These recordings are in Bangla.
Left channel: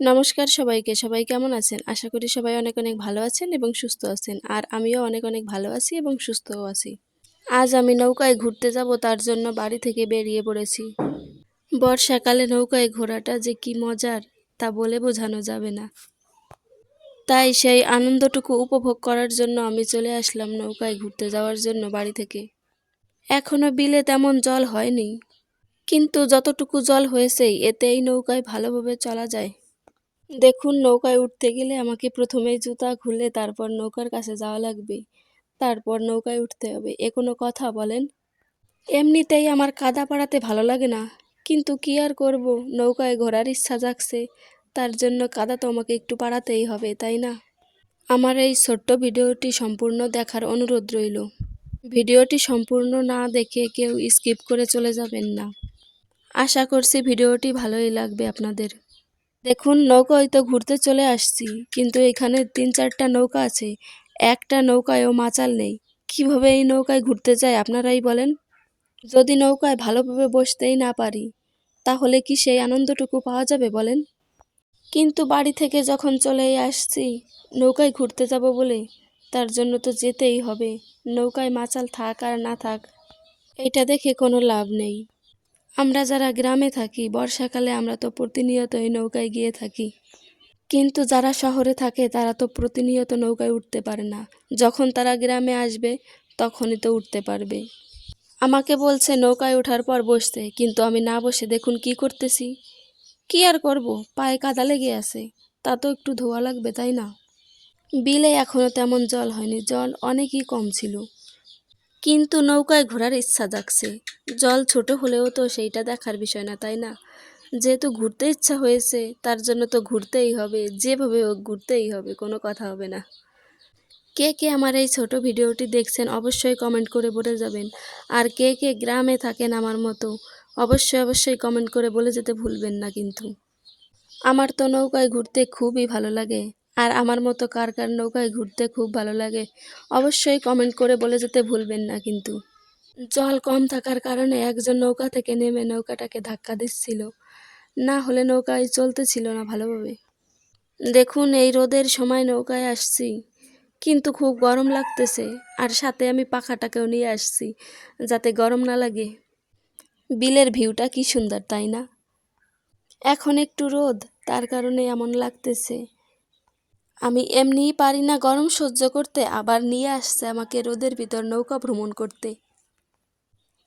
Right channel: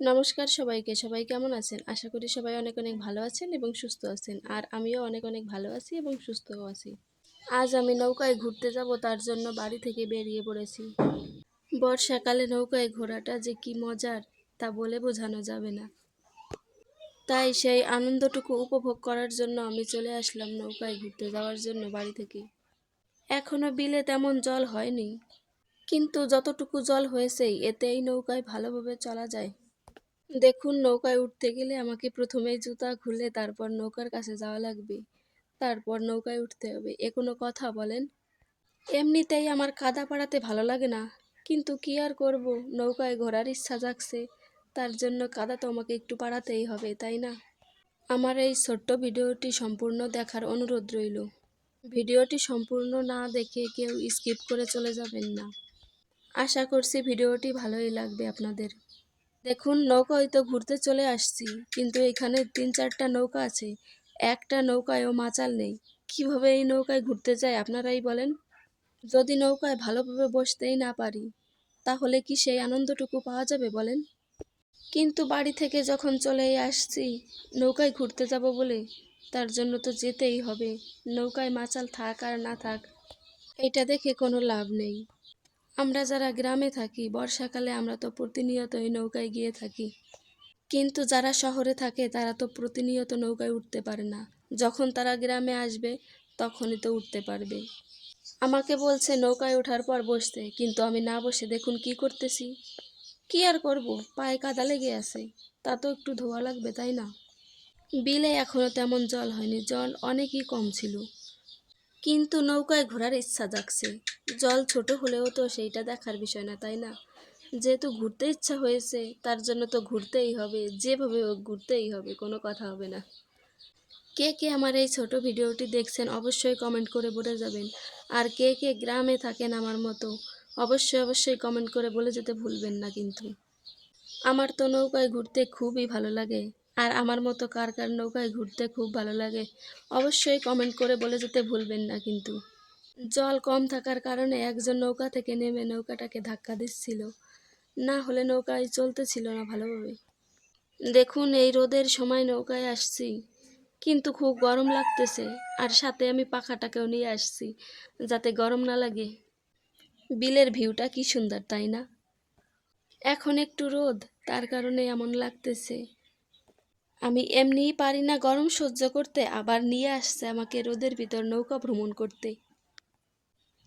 নমস্কার সবাইকে। সবাই কেমন আছেন? আশা করি সবাই অনেক, অনেক ভালো আছেন এবং সুস্থ আছেন। আর আমিও অনেক, অনেক ভালো আছি এবং সুস্থও আছি। আজ আমি নৌকায় ঘুরতে যাব তার জন্য বাড়ি থেকে বেরিয়ে পড়েছি। বর্ষাকালে নৌকায় ঘোরাটা যে কি মজার তা বলে বোঝানো যাবে না। তাই সেই আনন্দটুকু উপভোগ করার জন্য আমি চলে আসলাম নৌকায় ঘুরতে যাওয়ার জন্য বাড়ি থেকে। এখনও বিলে তেমন জল হয়নি, কিন্তু যতটুকু জল হয়েছে এতে এই নৌকায় ভালোভাবে চলা যায়। দেখুন, নৌকায় উঠতে গেলে আমাকে প্রথমেই জুতা খুলে তারপর নৌকার কাছে যাওয়া লাগবে। তারপর নৌকায় উঠতে হবে। এ কোনো কথা বলেন? এমনিতেই আমার কাদা পাড়াতে ভালো লাগে না। কিন্তু কি আর করব? নৌকায় ঘোরার ইচ্ছা জাগছে। তার জন্য কাদা তো আমাকে একটু পাড়াতেই হবে, তাই না? আমার এই ছোট্ট ভিডিওটি সম্পূর্ণ দেখার অনুরোধ রইল। ভিডিওটি সম্পূর্ণ না দেখে কেউ স্কিপ করে চলে যাবেন না। আশা করছি ভিডিওটি ভালোই লাগবে আপনাদের। দেখুন নৌকায় তো ঘুরতে চলে আসছি, কিন্তু এখানে তিন চারটা নৌকা আছে। একটা নৌকায়ও মাচাল নেই। কীভাবে এই নৌকায় ঘুরতে যায় আপনারাই বলেন? যদি নৌকায় ভালোভাবে বসতেই না পারি, তাহলে কি সেই আনন্দটুকু পাওয়া যাবে বলেন? কিন্তু বাড়ি থেকে যখন চলেই আসছি, নৌকায় ঘুরতে যাব বলে, তার জন্য তো যেতেই হবে। নৌকায় মাচাল থাক আর না থাক, এটা দেখে কোনো লাভ নেই। আমরা যারা গ্রামে থাকি, বর্ষাকালে আমরা তো প্রতিনিয়ত এই নৌকায় গিয়ে থাকি। কিন্তু যারা শহরে থাকে, তারা তো প্রতিনিয়ত নৌকায় উঠতে পারে না। যখন তারা গ্রামে আসবে, তখনই তো উঠতে পারবে। আমাকে বলছে, নৌকায় ওঠার পর বসতে। কিন্তু আমি না বসে দেখুন কি করতেছি। কি আর করব? পায়ে কাদা লেগে আছে। তা তো একটু ধোয়া লাগবে, তাই না? বিলে এখনও তেমন জল হয়নি। জল অনেকই কম ছিল। কিন্তু নৌকায় ঘোরার ইচ্ছা জাগছে। জল ছোট হলেও তো সেইটা দেখার বিষয় না, তাই না? যেহেতু ঘুরতে ইচ্ছা হয়েছে, তার জন্য তো ঘুরতেই হবে, যেভাবে হোক ঘুরতেই হবে, কোনো কথা হবে না। কে কে আমার এই ছোট ভিডিওটি দেখছেন অবশ্যই কমেন্ট করে বলে যাবেন। আর কে কে গ্রামে থাকেন আমার মতো, অবশ্যই অবশ্যই কমেন্ট করে বলে যেতে ভুলবেন না কিন্তু। আমার তো নৌকায় ঘুরতে খুবই ভালো লাগে। আর আমার মতো কার কার নৌকায় ঘুরতে খুব ভালো লাগে, অবশ্যই কমেন্ট করে বলে যেতে ভুলবেন না কিন্তু। জল কম থাকার কারণে একজন নৌকা থেকে নেমে নৌকাটাকে ধাক্কা দিচ্ছিল। না হলে নৌকায় চলতেছিল না ভালোভাবে। দেখুন, এই রোদের সময় নৌকায় আসছি, কিন্তু খুব গরম লাগতেছে, আর সাথে আমি পাখাটাকেও নিয়ে আসছি, যাতে গরম না লাগে। বিলের ভিউটা কি সুন্দর, তাই না? এখন একটু রোদ, তার কারণে এমন লাগতেছে। আমি এমনিই পারি না গরম সহ্য করতে, আবার নিয়ে আসছে আমাকে রোদের ভিতর নৌকা ভ্রমণ করতে।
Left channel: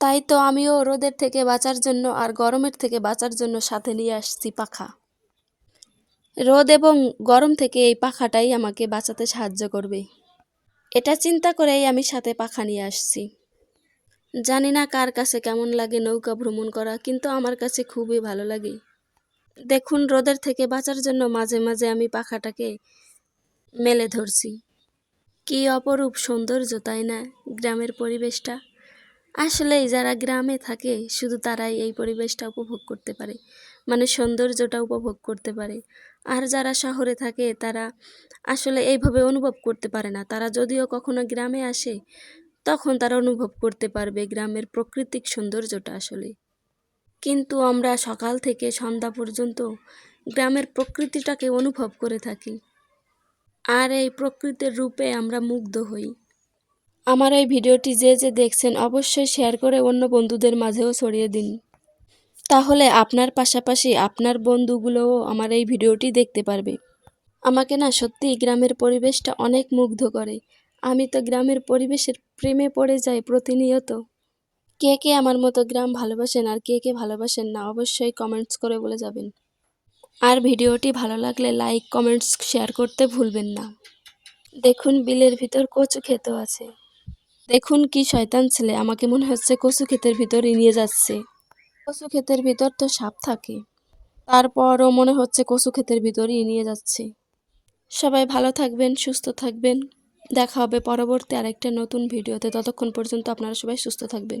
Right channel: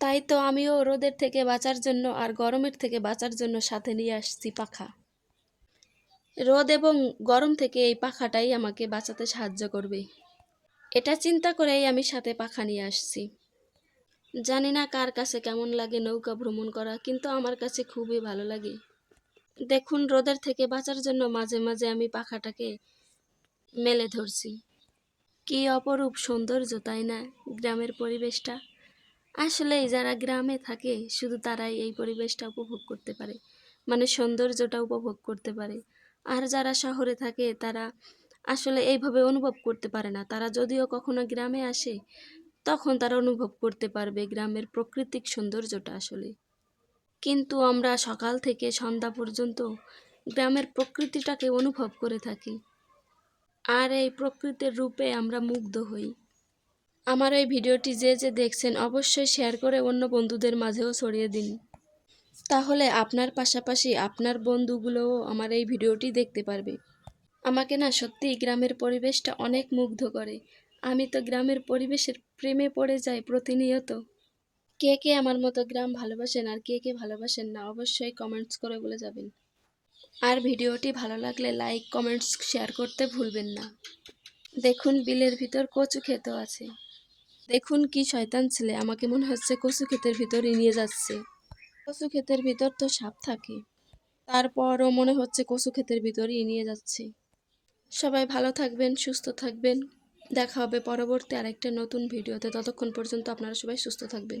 তাই তো আমিও রোদের থেকে বাঁচার জন্য আর গরমের থেকে বাঁচার জন্য সাথে নিয়ে আসছি পাখা। রোদ এবং গরম থেকে এই পাখাটাই আমাকে বাঁচাতে সাহায্য করবে। এটা চিন্তা করেই আমি সাথে পাখা নিয়ে আসছি। জানি না কার কাছে কেমন লাগে নৌকা ভ্রমণ করা, কিন্তু আমার কাছে খুবই ভালো লাগে। দেখুন, রোদের থেকে বাঁচার জন্য মাঝে মাঝে আমি পাখাটাকে মেলে ধরছি। কি অপরূপ সৌন্দর্য, তাই না, গ্রামের পরিবেশটা? আসলেই যারা গ্রামে থাকে, শুধু তারাই এই পরিবেশটা উপভোগ করতে পারে। মানে সৌন্দর্যটা উপভোগ করতে পারে। আর যারা শহরে থাকে, তারা আসলে এইভাবে অনুভব করতে পারে না। তারা যদিও কখনো গ্রামে আসে, তখন তারা অনুভব করতে পারবে গ্রামের প্রাকৃতিক সৌন্দর্যটা আসলে। কিন্তু আমরা সকাল থেকে সন্ধ্যা পর্যন্ত গ্রামের প্রকৃতিটাকে অনুভব করে থাকি। আর এই প্রকৃতির রূপে আমরা মুগ্ধ হই। আমার এই ভিডিওটি যে যে দেখছেন অবশ্যই শেয়ার করে অন্য বন্ধুদের মাঝেও ছড়িয়ে দিন। তাহলে আপনার পাশাপাশি আপনার বন্ধুগুলোও আমার এই ভিডিওটি দেখতে পারবে। আমাকে না সত্যিই গ্রামের পরিবেশটা অনেক মুগ্ধ করে। আমি তো গ্রামের পরিবেশের প্রেমে পড়ে যাই প্রতিনিয়ত। কে কে আমার মতো গ্রাম ভালোবাসেন আর কে কে ভালোবাসেন না অবশ্যই কমেন্টস করে বলে যাবেন। আর ভিডিওটি ভালো লাগলে লাইক, কমেন্টস, শেয়ার করতে ভুলবেন না। দেখুন বিলের ভিতর কচু খেতেও আছে। দেখুন কি শয়তান ছেলে, আমাকে মনে হচ্ছে কচু ক্ষেতের ভিতরই নিয়ে যাচ্ছে। কচু ক্ষেতের ভিতর তো সাপ থাকে। তারপরও মনে হচ্ছে কচু ক্ষেতের ভিতরই নিয়ে যাচ্ছে। সবাই ভালো থাকবেন, সুস্থ থাকবেন। দেখা হবে পরবর্তী আরেকটা নতুন ভিডিওতে। ততক্ষণ পর্যন্ত আপনারা সবাই সুস্থ থাকবেন।